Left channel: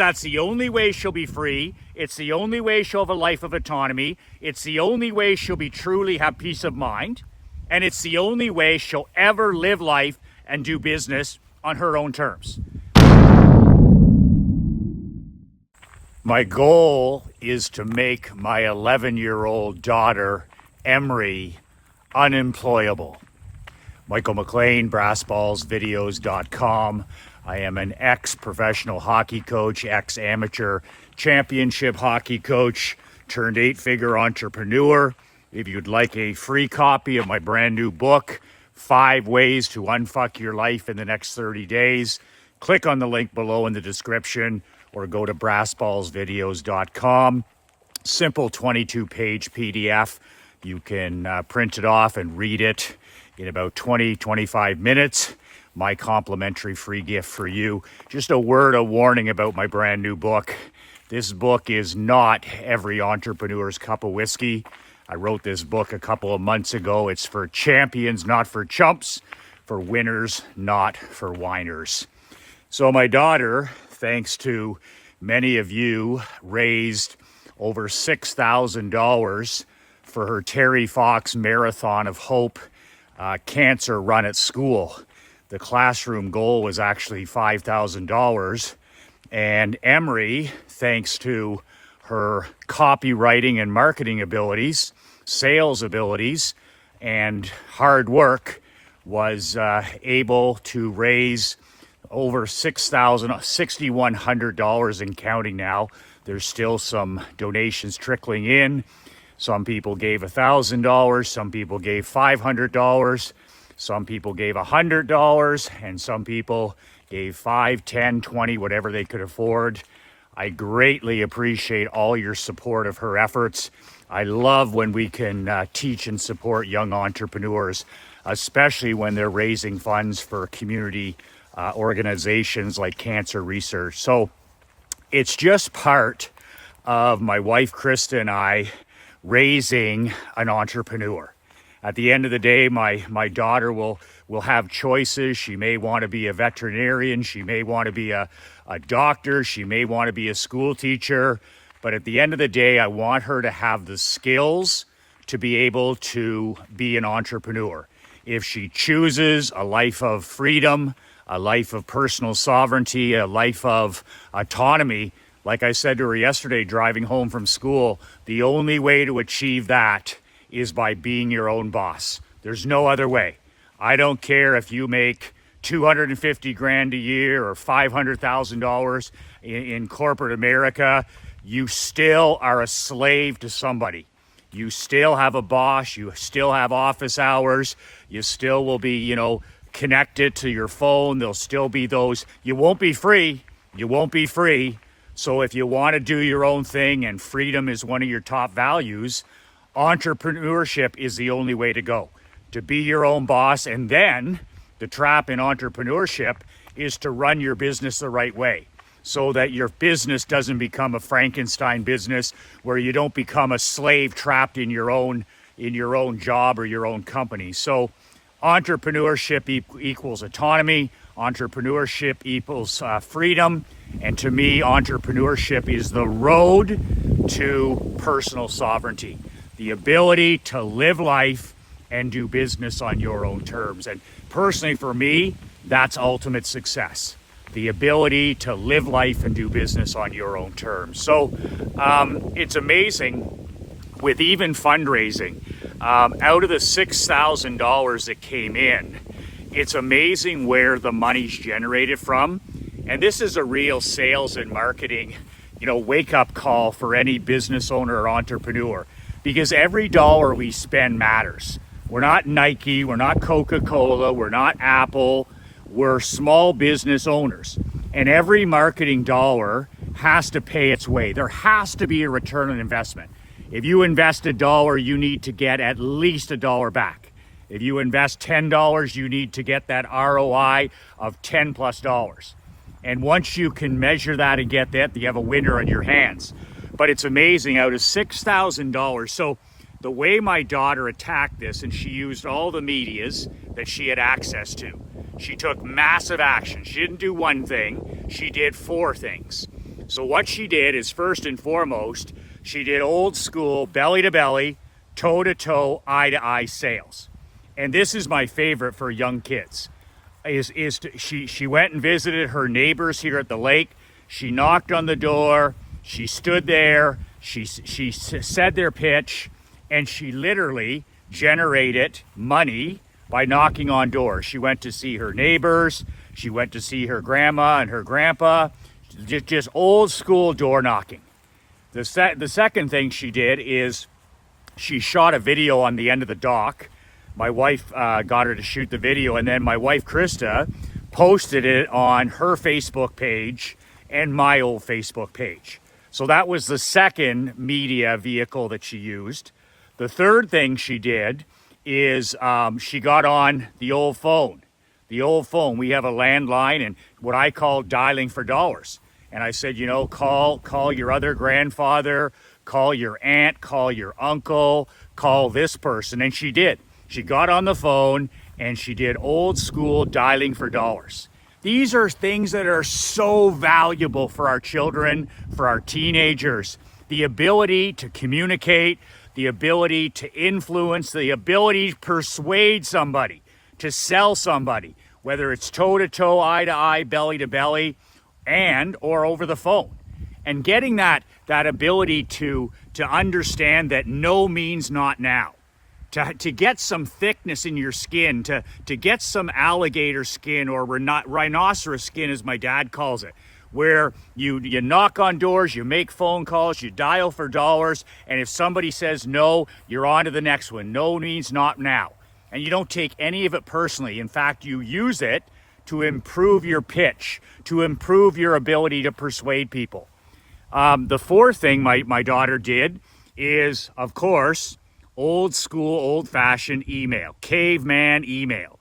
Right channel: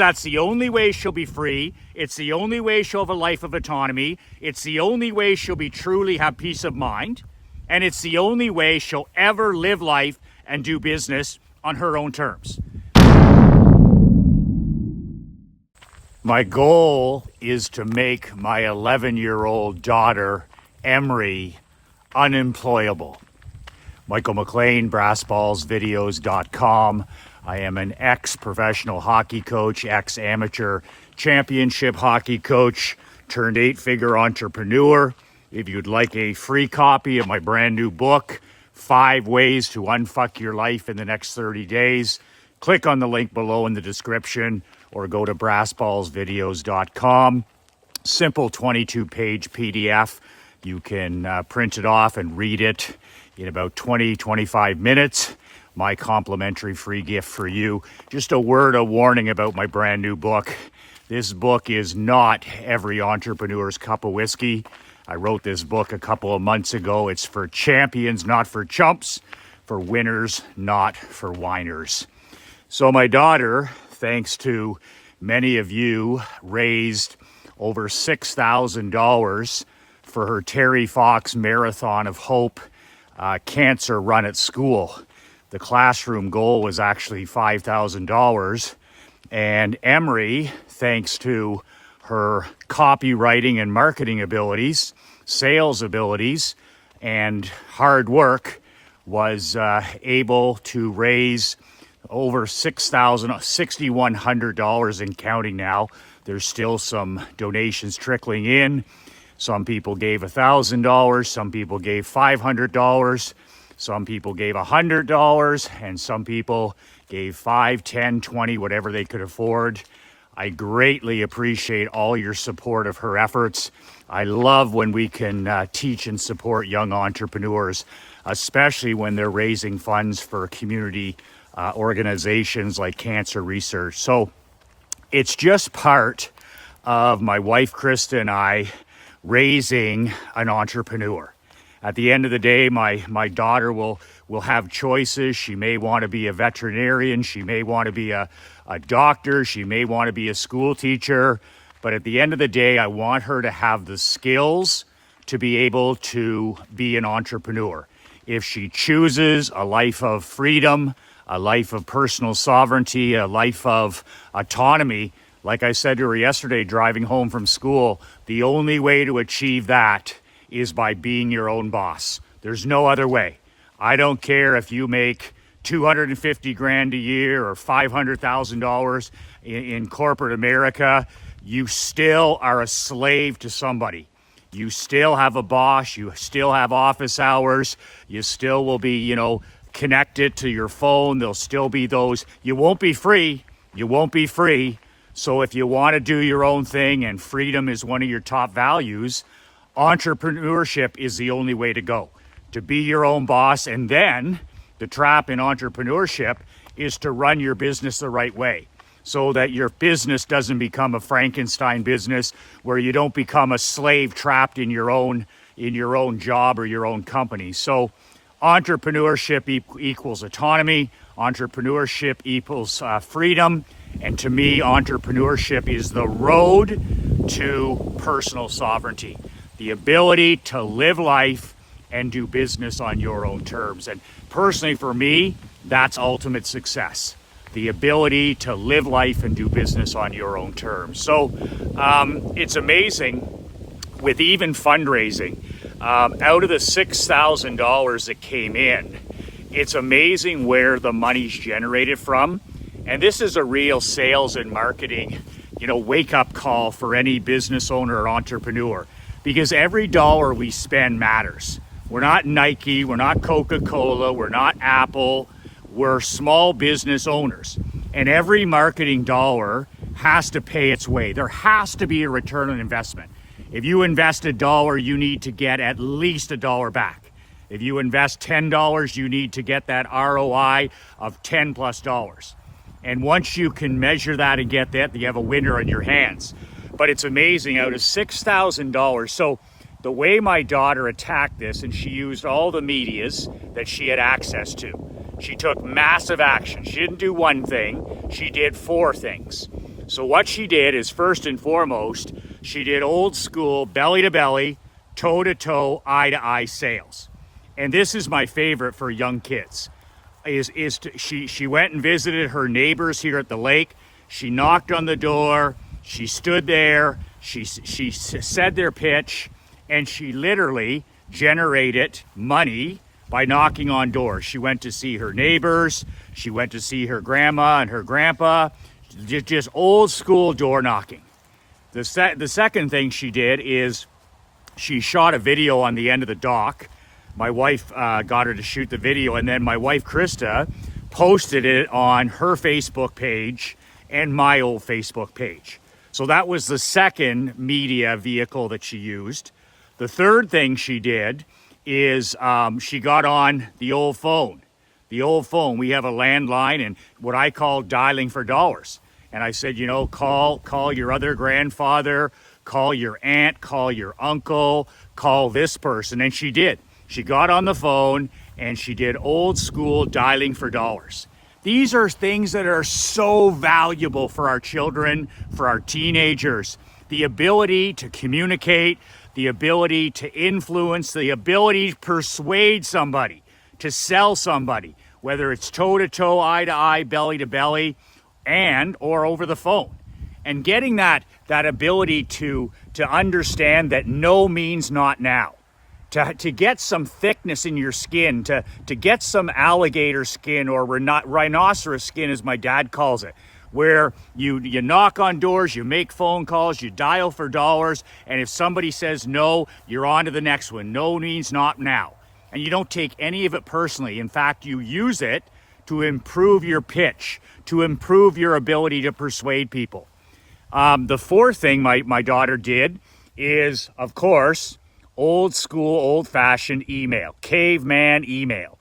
that's the only way she'll be free. It's the only way she'll have a life of autonomy. It's the only way she'll be truly have peace of mind. And it's the only way she'll ever live life and do business on her own terms. My goal is to make my 11-year-old daughter, Emery, unemployable. Michael McLean, brassballsvideos.com. I am an ex-professional hockey coach, ex-amateur championship hockey coach, turned 8-figure entrepreneur. If you'd like a free copy of my brand new book, 5 Ways to Unfuck Your Life in the Next 30 Days, click on the link below in the description or go to brassballsvideos.com. Simple 22-page PDF. You can print it off and read it in about 20-25 minutes. My complimentary free gift for you. Just a word of warning about my brand new book. This book is not every entrepreneur's cup of whiskey. I wrote this book a couple of months ago. It's for champions, not for chumps, for winners, not for whiners. So my daughter, thanks to many of you, raised over $6,000 for her Terry Fox Marathon of Hope cancer run at school. The classroom goal was actually $5,000. And Emery, thanks to her copywriting and marketing abilities, sales abilities, and hard work, was able to raise over $6,100 and counting now. There's still some donations trickling in. Some people gave $1,000, some people gave $500, some people gave $100, and some people gave $5, $10, $20, whatever they could afford. I greatly appreciate all your support of her efforts. I love when we can teach and support young entrepreneurs, especially when they're raising funds for community organizations like cancer research. So it's just part of my wife, Krista, and I raising an entrepreneur. At the end of the day, my daughter will have choices. She may want to be a veterinarian. She may want to be a doctor. She may want to be a school teacher. But at the end of the day, I want her to have the skills to be able to be an entrepreneur. If she chooses a life of freedom, a life of personal sovereignty, a life of autonomy, like I said to her yesterday, driving home from school, the only way to achieve that is by being your own boss. There's no other way. I don't care if you make $250 grand a year or $500,000 in corporate America. You still are a slave to somebody. You still have a boss. You still have office hours. You still will be, connected to your phone. There'll still be those. You won't be free. You won't be free. So if you want to do your own thing and freedom is one of your top values, entrepreneurship is the only way to go. To be your own boss. And then the trap in entrepreneurship is to run your business the right way so that your business doesn't become a Frankenstein business where you don't become a slave trapped in your own job or your own company. So entrepreneurship equals autonomy. Entrepreneurship equals freedom. And to me, entrepreneurship is the road to personal sovereignty, the ability to live life and do business on your own terms. And personally, for me, that's ultimate success, the ability to live life and do business on your own terms. So it's amazing with even fundraising. Out of the $6,000 that came in, it's amazing where the money's generated from. And this is a real sales and marketing, wake-up call for any business owner or entrepreneur, because every dollar we spend matters. We're not Nike, we're not Coca-Cola, we're not Apple, we're small business owners. And every marketing dollar has to pay its way. There has to be a return on investment. If you invest $1, you need to get at least $1 back. If you invest $10, you need to get that ROI of $10+. And once you can measure that and get that, you have a winner in your hands. But it's amazing, out of $6,000. So the way my daughter attacked this, and she used all the medias that she had access to. She took massive action. She didn't do one thing, she did 4 things. So what she did is, first and foremost, she did old school belly to belly, toe to toe, eye to eye sales. And this is my favorite for young kids. She went and visited her neighbors here at the lake. She knocked on the door. She stood there. She said their pitch, and she literally generated money by knocking on doors. She went to see her neighbors. She went to see her grandma and her grandpa. Just old school door knocking. The second thing she did is she shot a video on the end of the dock. My wife got her to shoot the video, and then my wife Krista posted it on her Facebook page and my old Facebook page. So that was the second media vehicle that she used. The third thing she did is she got on the old phone. The old phone. We have a landline and what I call dialing for dollars. And I said, you know, call your other grandfather, call your aunt, call your uncle, call this person. And she did. She got on the phone and she did old school dialing for dollars. These are things that are so valuable for our children, for our teenagers. The ability to communicate, the ability to influence, the ability to persuade somebody, to sell somebody, whether it's toe to toe, eye to eye, belly to belly, and or over the phone. And getting that ability to understand that no means not now. To get some thickness in your skin, to get some alligator skin or rhinoceros skin, as my dad calls it, where you knock on doors, you make phone calls, you dial for dollars, and if somebody says no, you're on to the next one. No means not now. And you don't take any of it personally. In fact, you use it to improve your pitch, to improve your ability to persuade people. The fourth thing my daughter did is, of course, old school, old fashioned email, caveman email.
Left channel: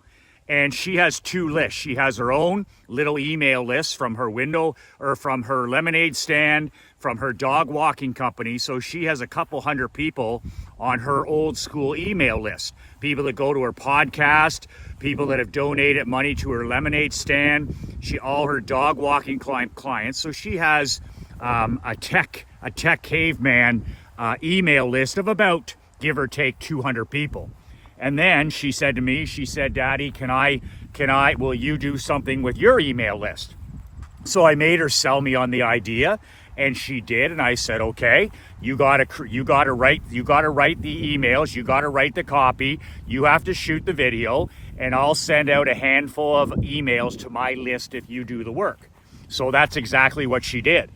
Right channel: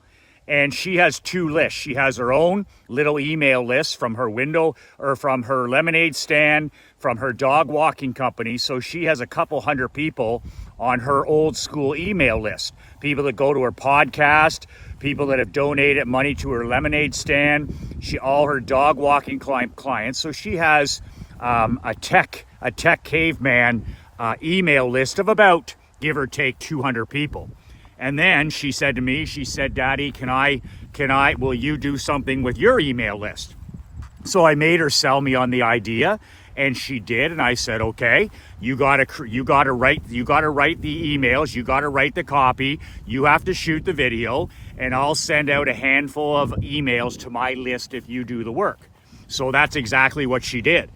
And she has two lists. She has her own little email list from her window or from her lemonade stand, from her dog walking company. So she has a couple hundred people on her old school email list. People that go to her podcast, people that have donated money to her lemonade stand, all her dog walking clients. So she has a tech caveman email list of about, give or take, 200 people. And then she said to me, she said, Daddy, will you do something with your email list? So I made her sell me on the idea, and she did. And I said, okay, you gotta write the emails, you gotta write the copy, you have to shoot the video, and I'll send out a handful of emails to my list if you do the work. So that's exactly what she did.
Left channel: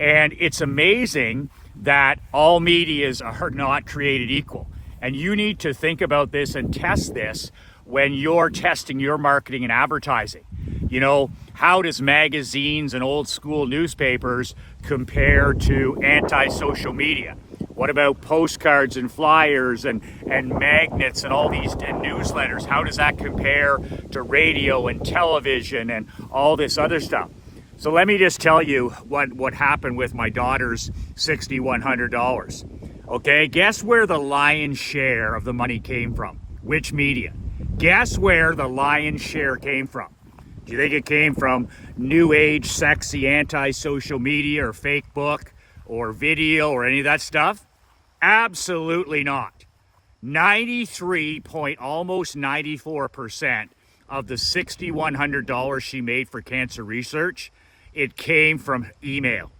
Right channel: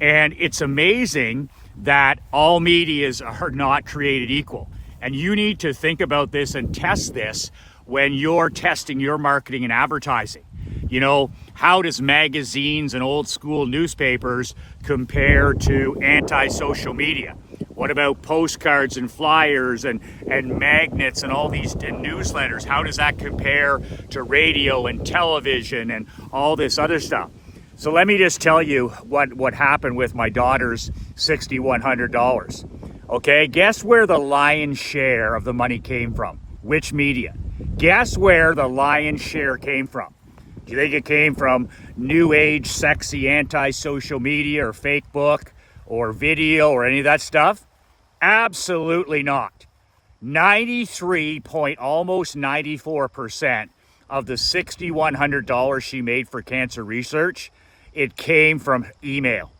And it's amazing that all medias are not created equal. And you need to think about this and test this when you're testing your marketing and advertising. You know, how does magazines and old school newspapers compare to anti-social media? What about postcards and flyers and magnets and all these and newsletters? How does that compare to radio and television and all this other stuff? So let me just tell you what happened with my daughter's $6,100. Okay, guess where the lion's share of the money came from? Which media? Guess where the lion's share came from? Do you think it came from new age, sexy, anti-social media or fake book or video or any of that stuff? Absolutely not. 94% of the $6,100 she made for cancer research, it came from email.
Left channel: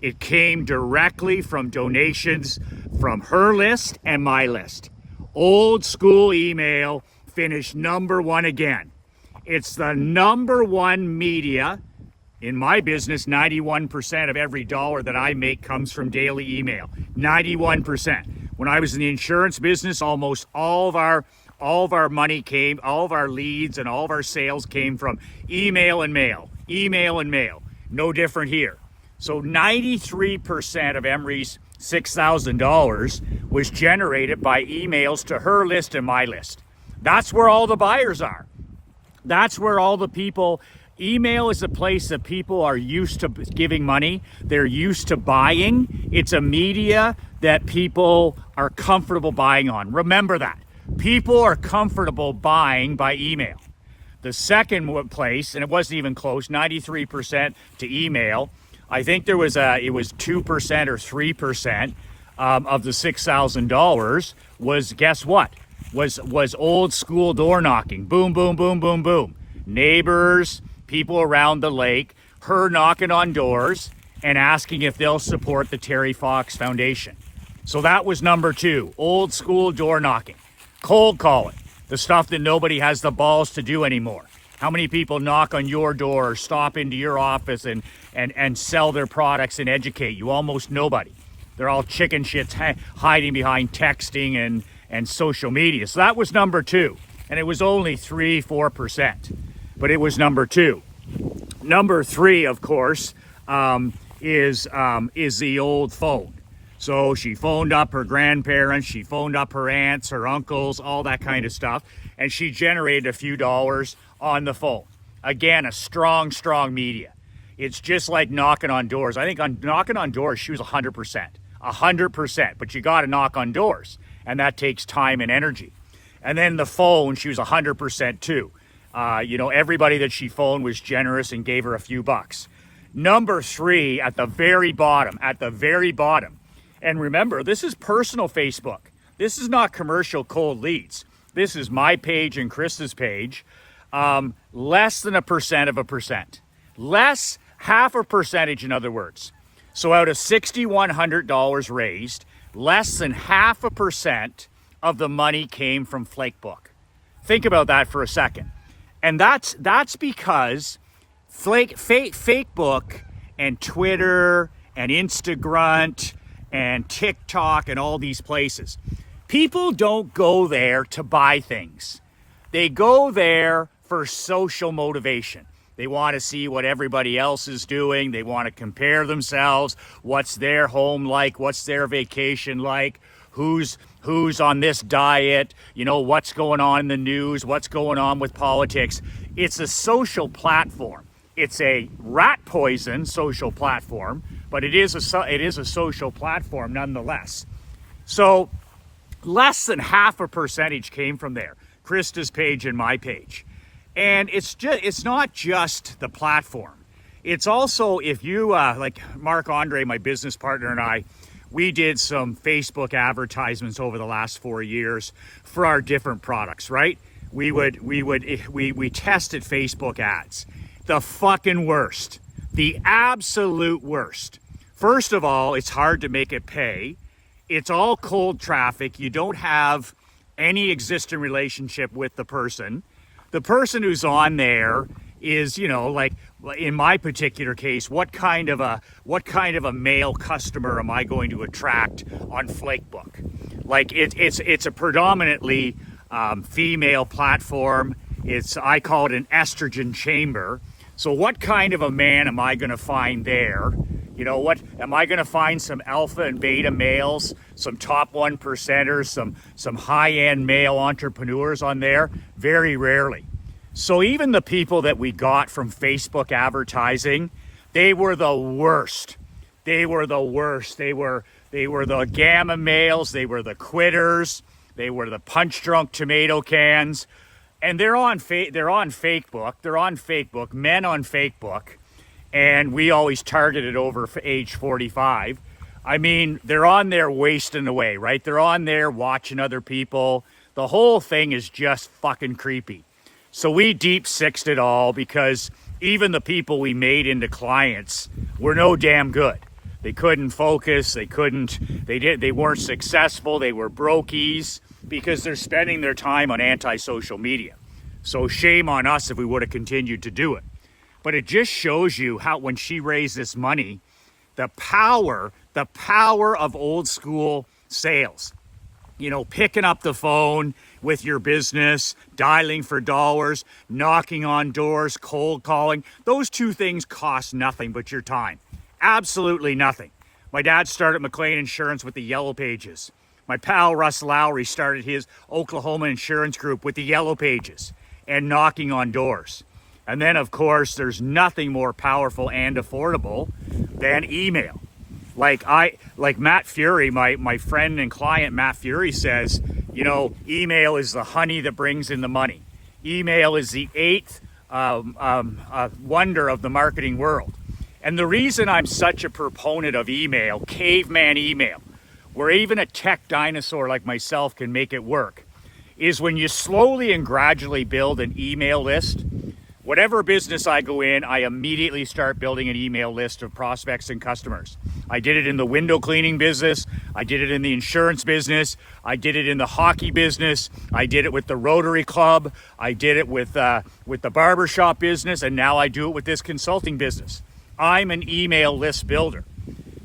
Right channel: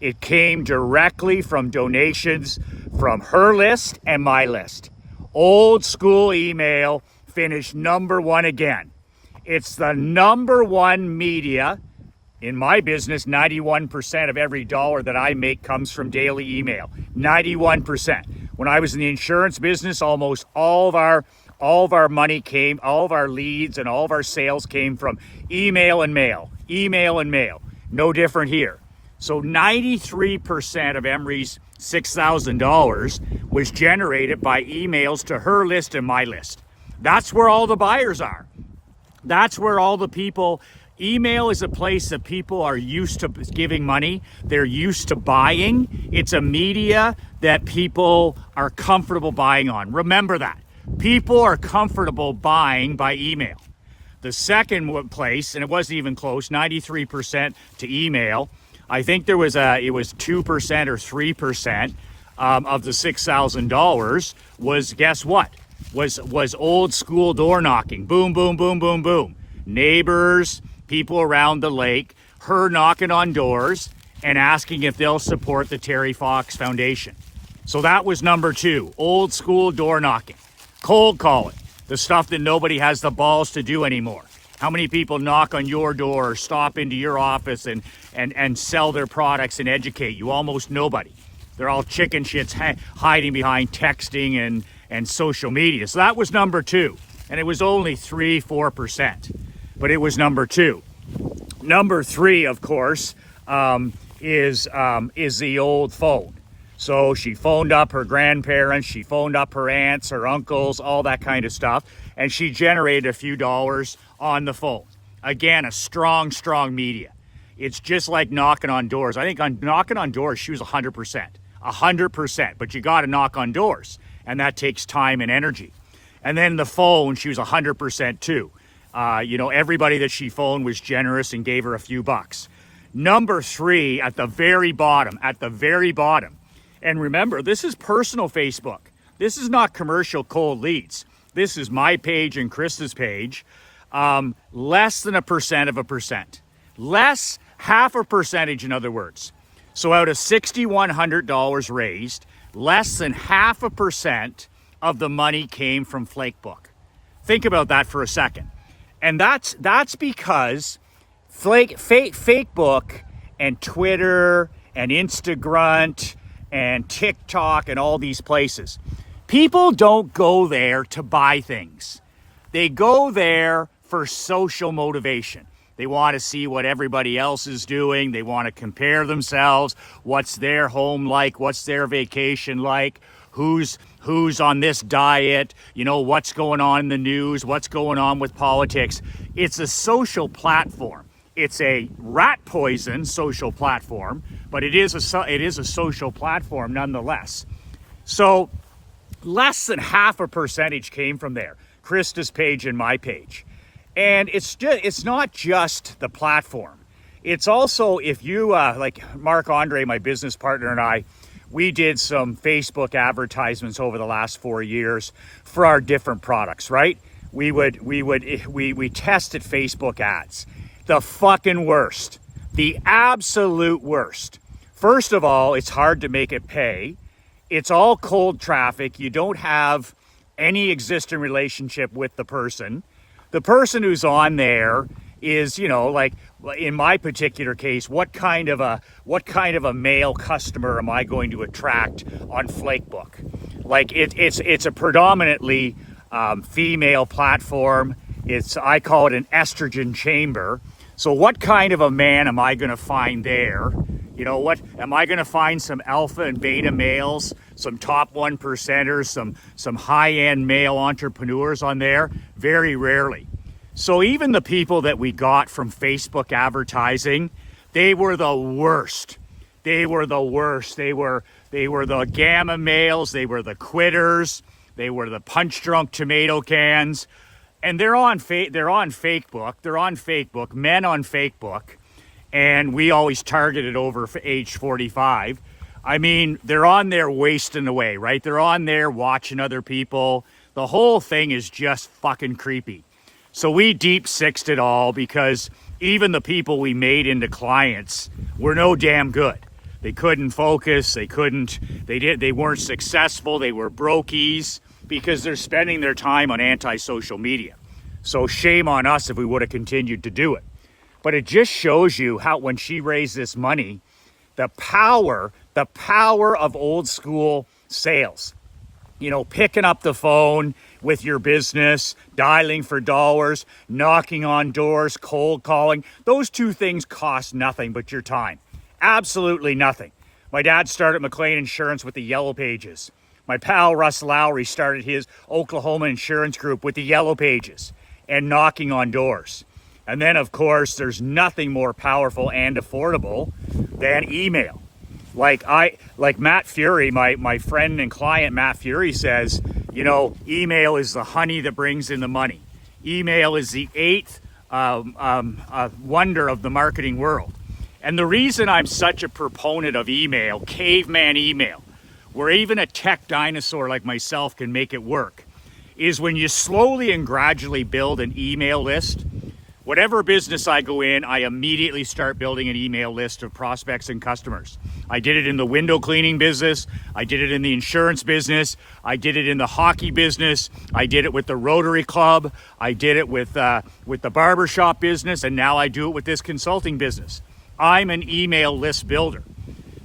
It came directly from donations from her list and my list. Old school email finished number one again. It's the number one media in my business. 91% of every dollar that I make comes from daily email. 91%. When I was in the insurance business, almost all of our money came, all of our leads and all of our sales came from email and mail. Email and mail. No different here. So 93% of Emery's $6,000 was generated by emails to her list and my list. That's where all the buyers are. That's where all the people, email is a place that people are used to giving money. They're used to buying. It's a media that people are comfortable buying on. Remember that. People are comfortable buying by email. The second place, and it wasn't even close, 93% to email. I think it was 2% or 3% of the $6,000 was, guess what? Was old school door knocking. Boom, boom, boom, boom, boom. Neighbors, people around the lake, her knocking on doors and asking if they'll support the Terry Fox Foundation. So that was number 2, old school door knocking. Cold calling, the stuff that nobody has the balls to do anymore. How many people knock on your door or stop into your office and sell their products and educate you? Almost nobody. They're all chicken shits hiding behind texting and social media. So that was number 2. And it was only 3-4%. But it was number 2. Number 3, of course, is the old phone. So she phoned up her grandparents, she phoned up her aunts, her uncles, all that kind of stuff, and she generated a few dollars on the phone. Again, a strong media. It's just like knocking on doors. I think on knocking on doors, she was 100%. 100%, but you got to knock on doors, and that takes time and energy. And then the phone, she was 100% too. Everybody that she phoned was generous and gave her a few bucks. Number 3, at the very bottom, and remember, this is personal Facebook. This is not commercial cold leads. This is my page and Krista's page. Less than 1%. Less, half a percentage, in other words. So out of $6,100 raised, less than 0.5% of the money came from Flakebook. Think about that for a second. And that's because Fakebook and Twitter and Instagram and TikTok and all these places, people don't go there to buy things. They go there for social motivation. They want to see what everybody else is doing. They want to compare themselves. What's their home like? What's their vacation like? Who's on this diet? What's going on in the news? What's going on with politics? It's a social platform. It's a rat poison social platform, but it is a social platform nonetheless. So less than 0.5% came from there. Krista's page and my page. And it's not just the platform. It's also, if you, like Mark Andre, my business partner, and I, we did some Facebook advertisements over the last 4 years for our different products, right? We tested Facebook ads. The fucking worst. The absolute worst. First of all, it's hard to make it pay. It's all cold traffic. You don't have any existing relationship with the person. The person who's on there is, like in my particular case, what kind of a male customer am I going to attract on Flakebook? Like it's a predominantly female platform. I call it an estrogen chamber. So what kind of a man am I going to find there? Am I going to find some alpha and beta males, some top 1%ers, some high-end male entrepreneurs on there? Very rarely. So even the people that we got from Facebook advertising, they were the worst. They were the gamma males. They were the quitters. They were the punch-drunk tomato cans. And they're on Fakebook. They're on Facebook, men on Facebook. And we always targeted over age 45. I mean, they're on there wasting away, right? They're on there watching other people. The whole thing is just fucking creepy. So we deep sixed it all because even the people we made into clients were no damn good. They couldn't focus. They weren't successful. They were brokies because they're spending their time on anti-social media. So shame on us if we would have continued to do it. But it just shows you how when she raised this money, the power of old school sales. Picking up the phone with your business, dialing for dollars, knocking on doors, cold calling. Those two things cost nothing but your time. Absolutely nothing. My dad started McLean Insurance with the Yellow Pages. My pal Russ Lowry started his Oklahoma insurance group with the Yellow Pages and knocking on doors. And then, of course, there's nothing more powerful and affordable than email. Like Matt Fury, my friend and client Matt Fury says, email is the honey that brings in the money. Email is the eighth wonder of the marketing world. And the reason I'm such a proponent of email, caveman email, where even a tech dinosaur like myself can make it work, is when you slowly and gradually build an email list. Whatever business I go in, I immediately start building an email list of prospects and customers. I did it in the window cleaning business. I did it in the insurance business. I did it in the hockey business. I did it with the Rotary Club. I did it with the barbershop business. And now I do it with this consulting business. I'm an email list builder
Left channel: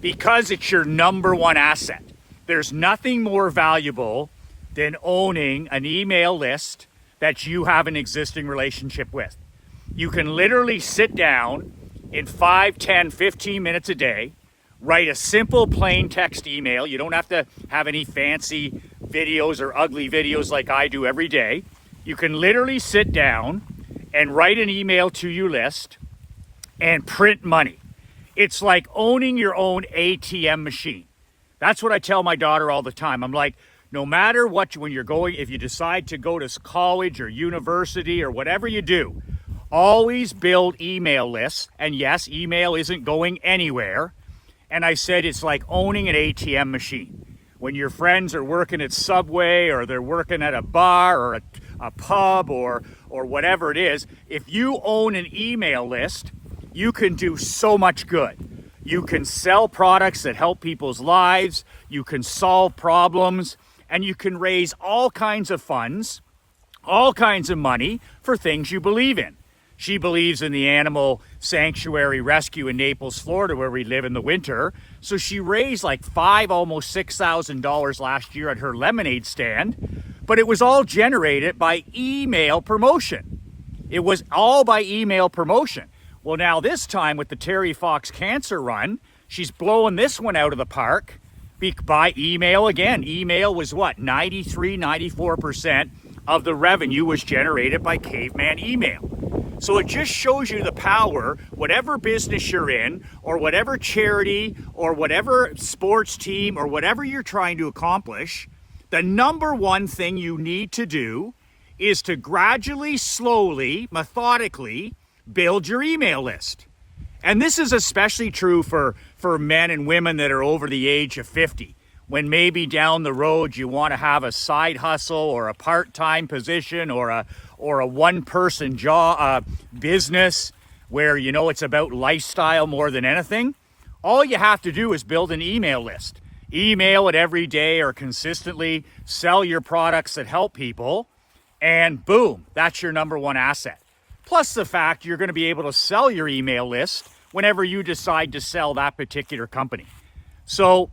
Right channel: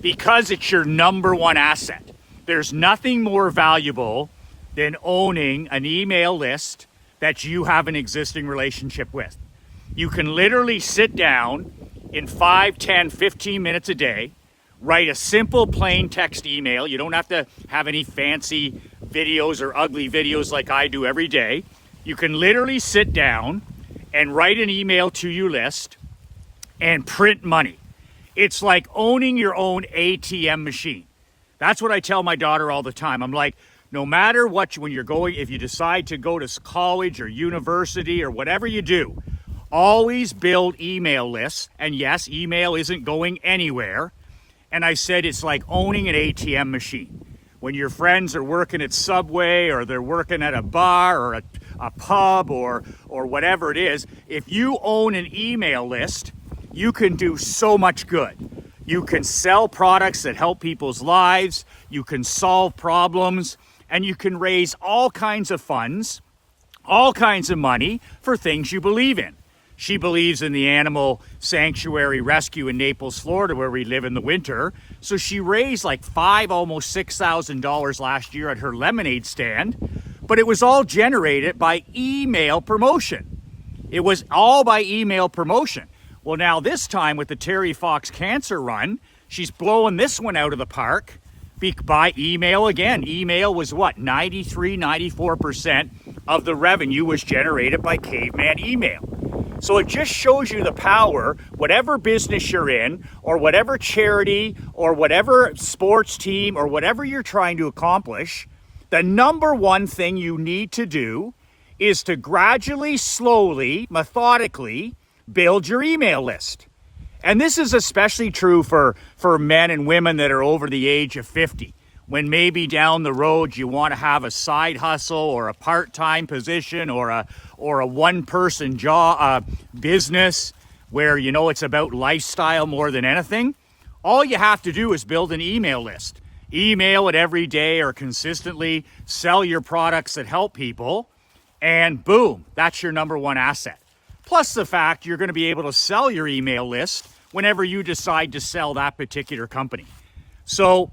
because it's your number one asset. There's nothing more valuable than owning an email list that you have an existing relationship with. You can literally sit down in 5, 10, 15 minutes a day, write a simple plain text email. You don't have to have any fancy videos or ugly videos like I do every day. You can literally sit down and write an email to your list and print money. It's like owning your own ATM machine. That's what I tell my daughter all the time. I'm like, no matter what, when you're going, if you decide to go to college or university or whatever you do, always build email lists. And yes, email isn't going anywhere. And I said it's like owning an ATM machine. When your friends are working at Subway or they're working at a bar or a pub or whatever it is, if you own an email list, you can do so much good. You can sell products that help people's lives. You can solve problems. And you can raise all kinds of funds, all kinds of money for things you believe in. She believes in the animal sanctuary rescue in Naples, Florida, where we live in the winter. So she raised like almost $6,000 last year at her lemonade stand. But it was all generated by email promotion. It was all by email promotion. Well, now this time with the Terry Fox Cancer Run, she's blowing this one out of the park by email again. Email was what? 94% of the revenue was generated by caveman email. So it just shows you the power, whatever business you're in, or whatever charity, or whatever sports team, or whatever you're trying to accomplish, the number one thing you need to do is to gradually, slowly, methodically build your email list. And this is especially true for men and women that are over the age of 50, when maybe down the road you want to have a side hustle or a part-time position or a one-person job business where you know it's about lifestyle more than anything. All you have to do is build an email list. Email it every day or consistently, sell your products that help people, and boom, that's your number one asset. Plus the fact you're going to be able to sell your email list whenever you decide to sell that particular company. So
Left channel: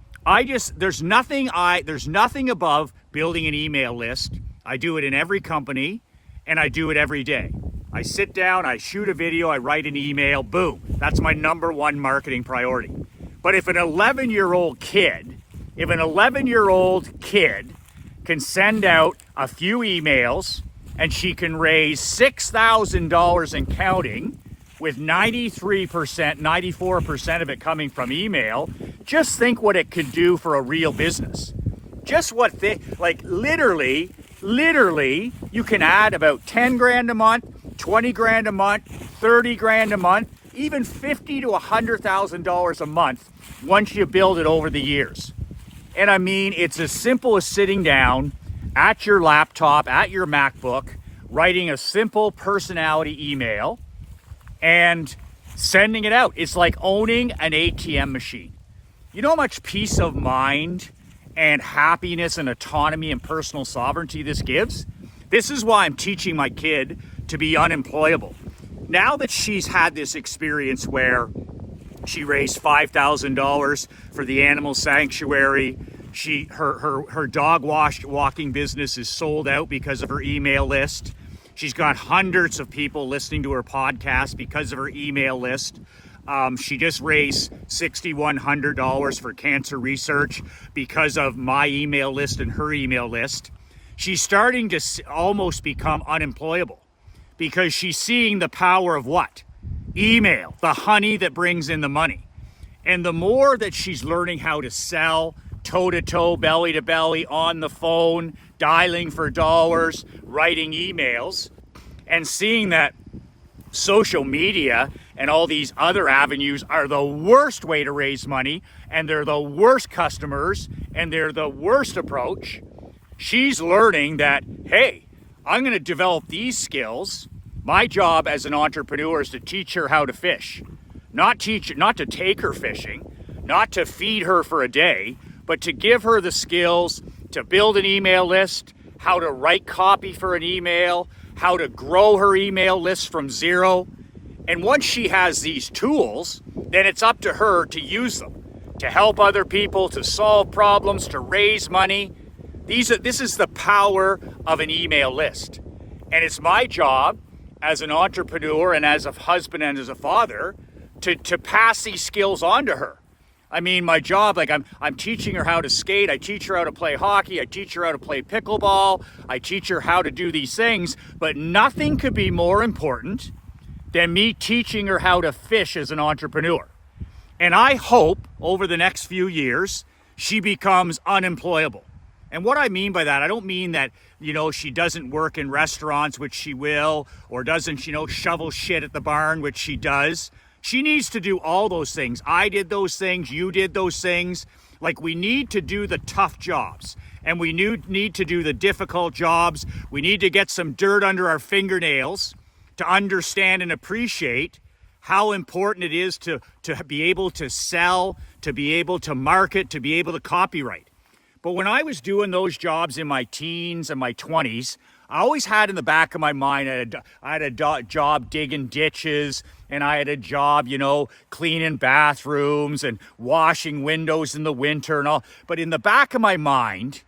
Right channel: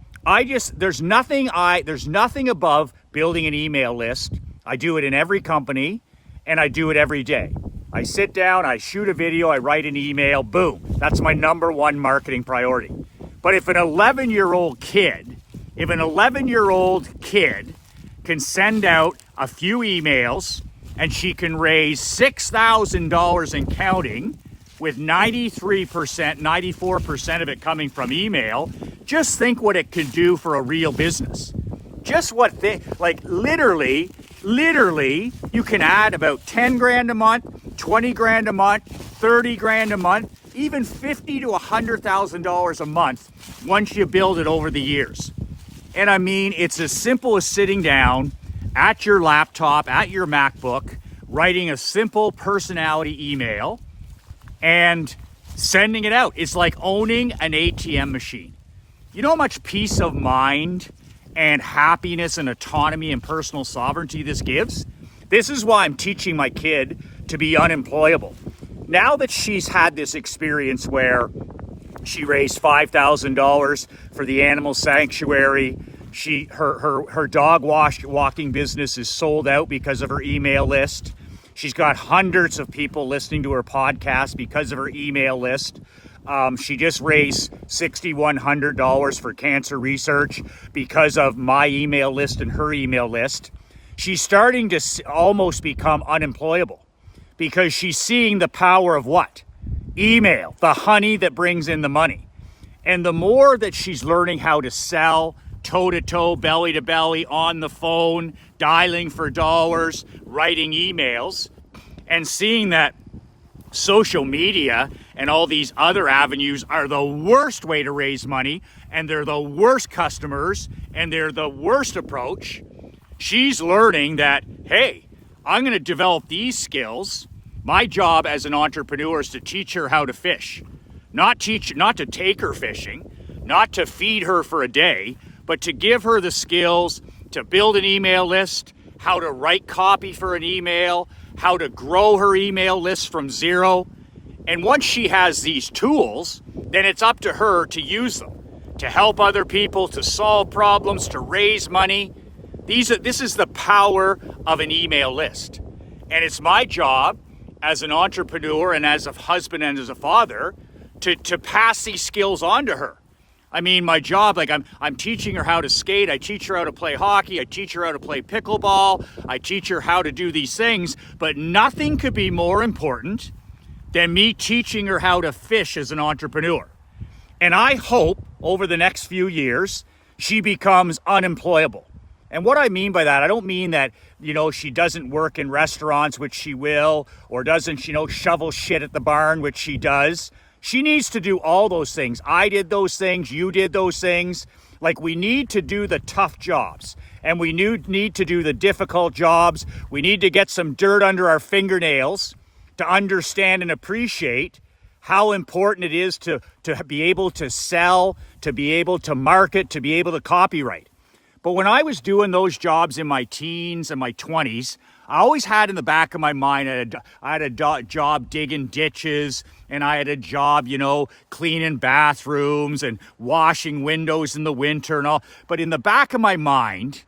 there's nothing above building an email list. I do it in every company and I do it every day. I sit down, I shoot a video, I write an email, boom. That's my number one marketing priority. But if an 11-year-old kid can send out a few emails and she can raise $6,000 and counting, with 94% of it coming from email, just think what it could do for a real business. Just what literally, you can add about 10 grand a month, 20 grand a month, 30 grand a month, even $50,000 to $100,000 a month once you build it over the years. And I mean, it's as simple as sitting down at your laptop, at your MacBook, writing a simple personality email and sending it out. It's like owning an ATM machine. You know how much peace of mind and happiness and autonomy and personal sovereignty this gives? This is why I'm teaching my kid to be unemployable. Now that she's had this experience where she raised $5,000 for the animal sanctuary, her dog walking business is sold out because of her email list. She's got hundreds of people listening to her podcast because of her email list. She just raised $6,100 for cancer research because of my email list and her email list. She's starting to almost become unemployable because she's seeing the power of what? Email, the honey that brings in the money. And the more that she's learning how to sell toe-to-toe, belly-to-belly, on the phone, dialing for dollars, writing emails, and seeing that social media and all these other avenues are the worst way to raise money, and they're the worst customers, and they're the worst approach. She's learning that, hey, I'm going to develop these skills. My job as an entrepreneur is to teach her how to fish. Not to take her fishing, not to feed her for a day, but to give her the skills to build an email list, how to write copy for an email, how to grow her email list from zero. And once she has these tools, then it's up to her to use them, to help other people, to solve problems, to raise money. This is the power of an email list. And it's my job as an entrepreneur and as a husband and as a father to pass these skills on to her. I mean, my job, like I'm teaching her how to skate, I teach her how to play hockey, I teach her how to play pickleball, I teach her how to do these things, but nothing could be more important than me teaching her how to fish as an entrepreneur. And I hope over the next few years, she becomes unemployable. And what I mean by that, I don't mean that, she doesn't work in restaurants, which she will, or doesn't, shovel shit at the barn, which she does. She needs to do all those things. I did those things. You did those things. Like, we need to do the tough jobs, and we need to do the difficult jobs. We need to get some dirt under our fingernails to understand and appreciate how important it is to be able to sell, to be able to market, to be able to copyright. But when I was doing those jobs in my teens and my 20s, I always had in the back of my mind, I had a job digging ditches, and I had a job, cleaning bathrooms and washing windows in the winter and all. But in the back of my mind,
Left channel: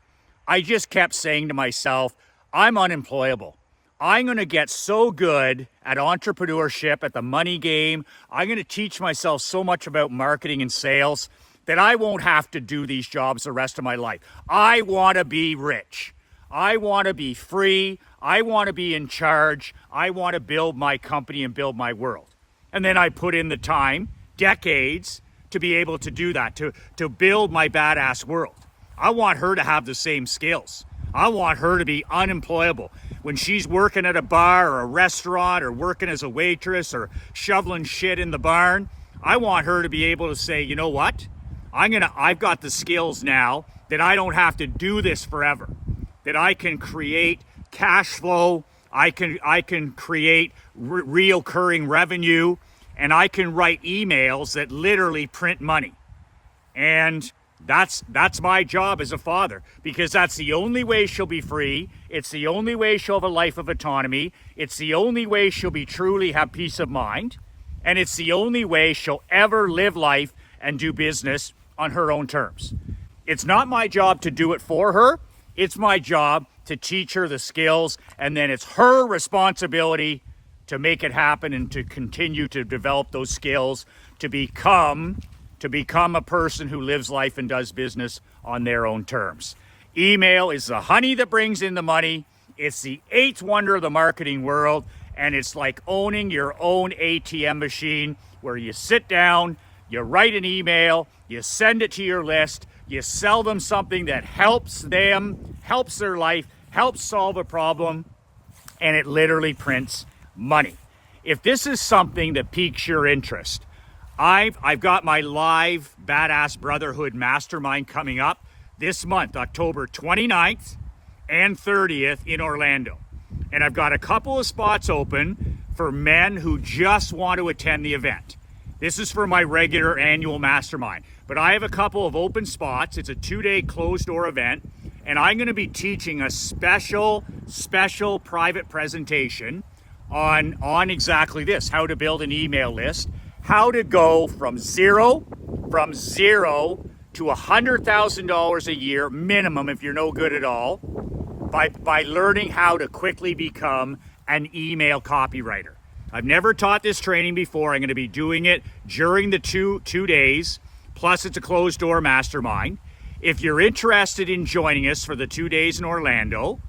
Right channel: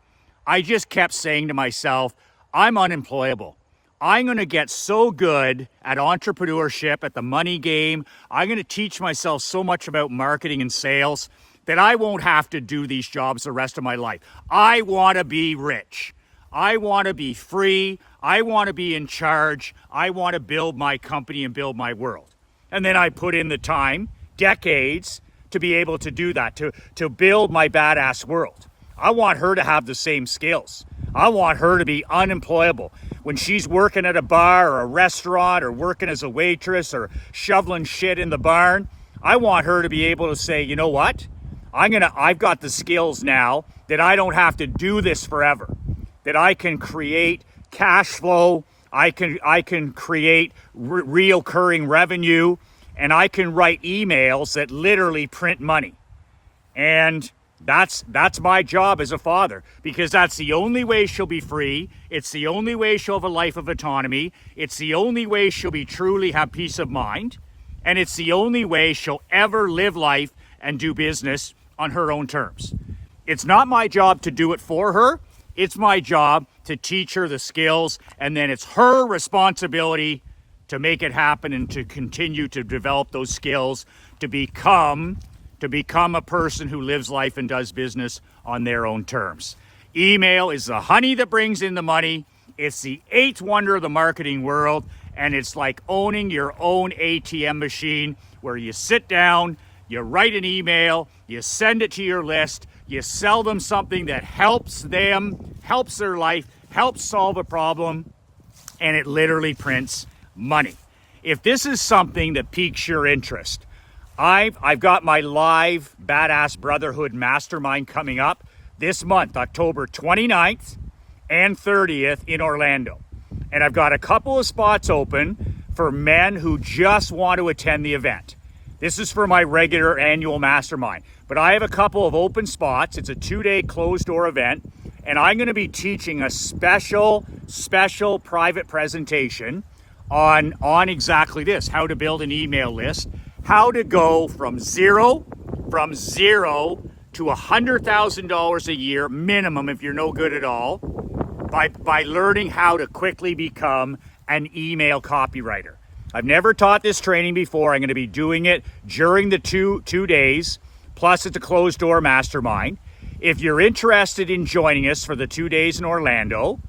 I just kept saying to myself, I'm unemployable. I'm going to get so good at entrepreneurship, at the money game. I'm going to teach myself so much about marketing and sales that I won't have to do these jobs the rest of my life. I want to be rich. I want to be free. I want to be in charge. I want to build my company and build my world. And then I put in the time, decades, to be able to do that, to build my badass world. I want her to have the same skills. I want her to be unemployable. When she's working at a bar or a restaurant or working as a waitress or shoveling shit in the barn, I want her to be able to say, you know what? I've got the skills now that I don't have to do this forever. That I can create cash flow, I can create recurring revenue, and I can write emails that literally print money. And that's my job as a father, because that's the only way she'll be free. It's the only way she'll have a life of autonomy. It's the only way she'll be truly have peace of mind. And it's the only way she'll ever live life and do business on her own terms. It's not my job to do it for her. It's my job to teach her the skills, and then it's her responsibility to make it happen and to continue to develop those skills to become a person who lives life and does business on their own terms. Email is the honey that brings in the money. It's the eighth wonder of the marketing world, and it's like owning your own ATM machine where you sit down, you write an email, you send it to your list, you sell them something that helps them, helps their life, helps solve a problem, and it literally prints money. If this is something that piques your interest, I've got my live Badass Brotherhood Mastermind coming up this month, October 29th and 30th in Orlando. And I've got a couple of spots open for men who just want to attend the event. This is for my regular annual mastermind, but I have a couple of open spots. It's a 2-day closed door event, and I'm going to be teaching a special private presentation on exactly this, how to build an email list, how to go from zero to $100,000 a year minimum if you're no good at all by learning how to quickly become an email copywriter. I've never taught this training before. I'm going to be doing it during the two days, plus it's a closed door mastermind. If you're interested in joining us for the 2 days in Orlando,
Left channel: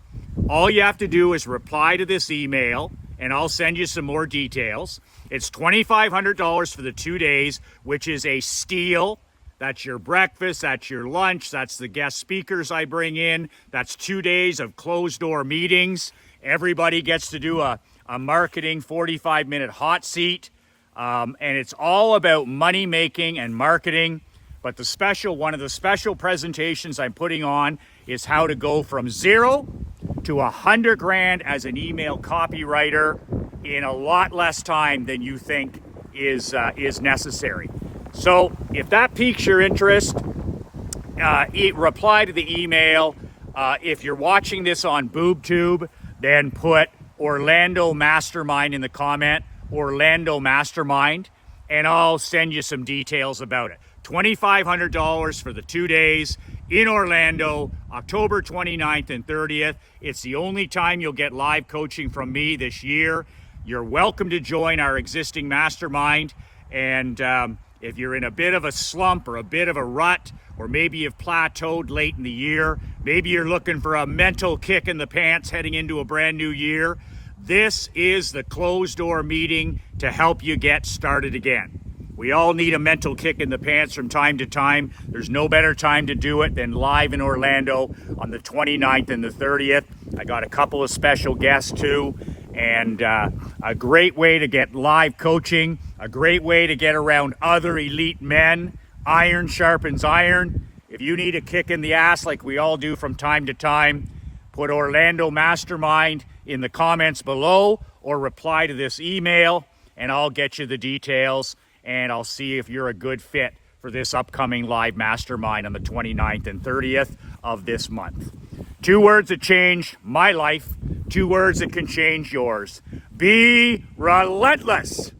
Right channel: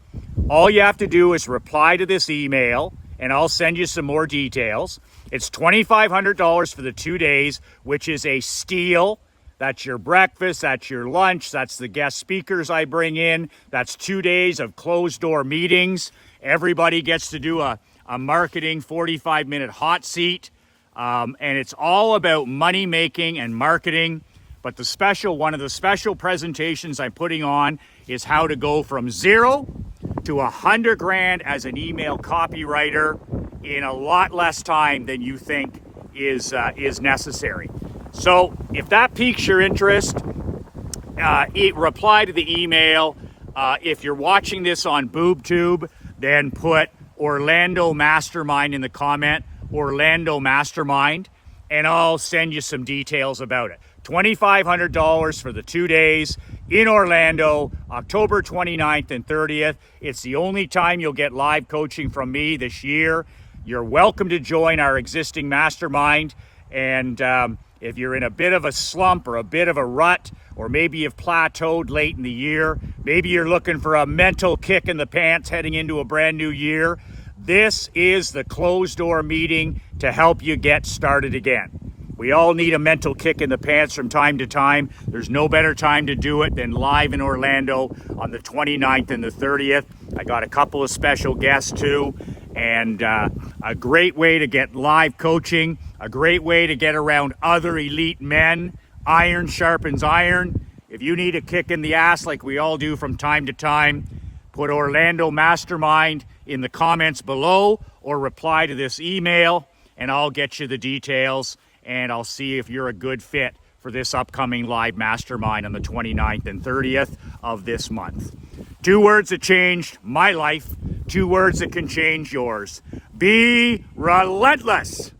all you have to do is reply to this email and I'll send you some more details. It's $2,500 for the 2 days, which is a steal. That's your breakfast, that's your lunch, that's the guest speakers I bring in. That's 2 days of closed door meetings. Everybody gets to do a marketing 45-minute hot seat. And it's all about money making and marketing. But one of the special presentations I'm putting on is how to go from 0 to 100 grand as an email copywriter in a lot less time than you think is necessary. So if that piques your interest, reply to the email. If you're watching this on BoobTube, then put Orlando Mastermind in the comment, Orlando Mastermind, and I'll send you some details about it. $2,500 for the 2 days in Orlando, October 29th and 30th. It's the only time you'll get live coaching from me this year. You're welcome to join our existing mastermind. And if you're in a bit of a slump or a bit of a rut, or maybe you've plateaued late in the year, maybe you're looking for a mental kick in the pants heading into a brand new year, this is the closed door meeting to help you get started again. We all need a mental kick in the pants from time to time. There's no better time to do it than live in Orlando on the 29th and the 30th. I got a couple of special guests too, and a great way to get live coaching, a great way to get around other elite men. Iron sharpens iron. If you need a kick in the ass like we all do from time to time, put Orlando Mastermind in the comments below or reply to this email and I'll get you the details and I'll see if you're a good fit for this upcoming live mastermind on the 29th and 30th of this month. 2 words that changed my life, 2 words that can change yours. Be relentless.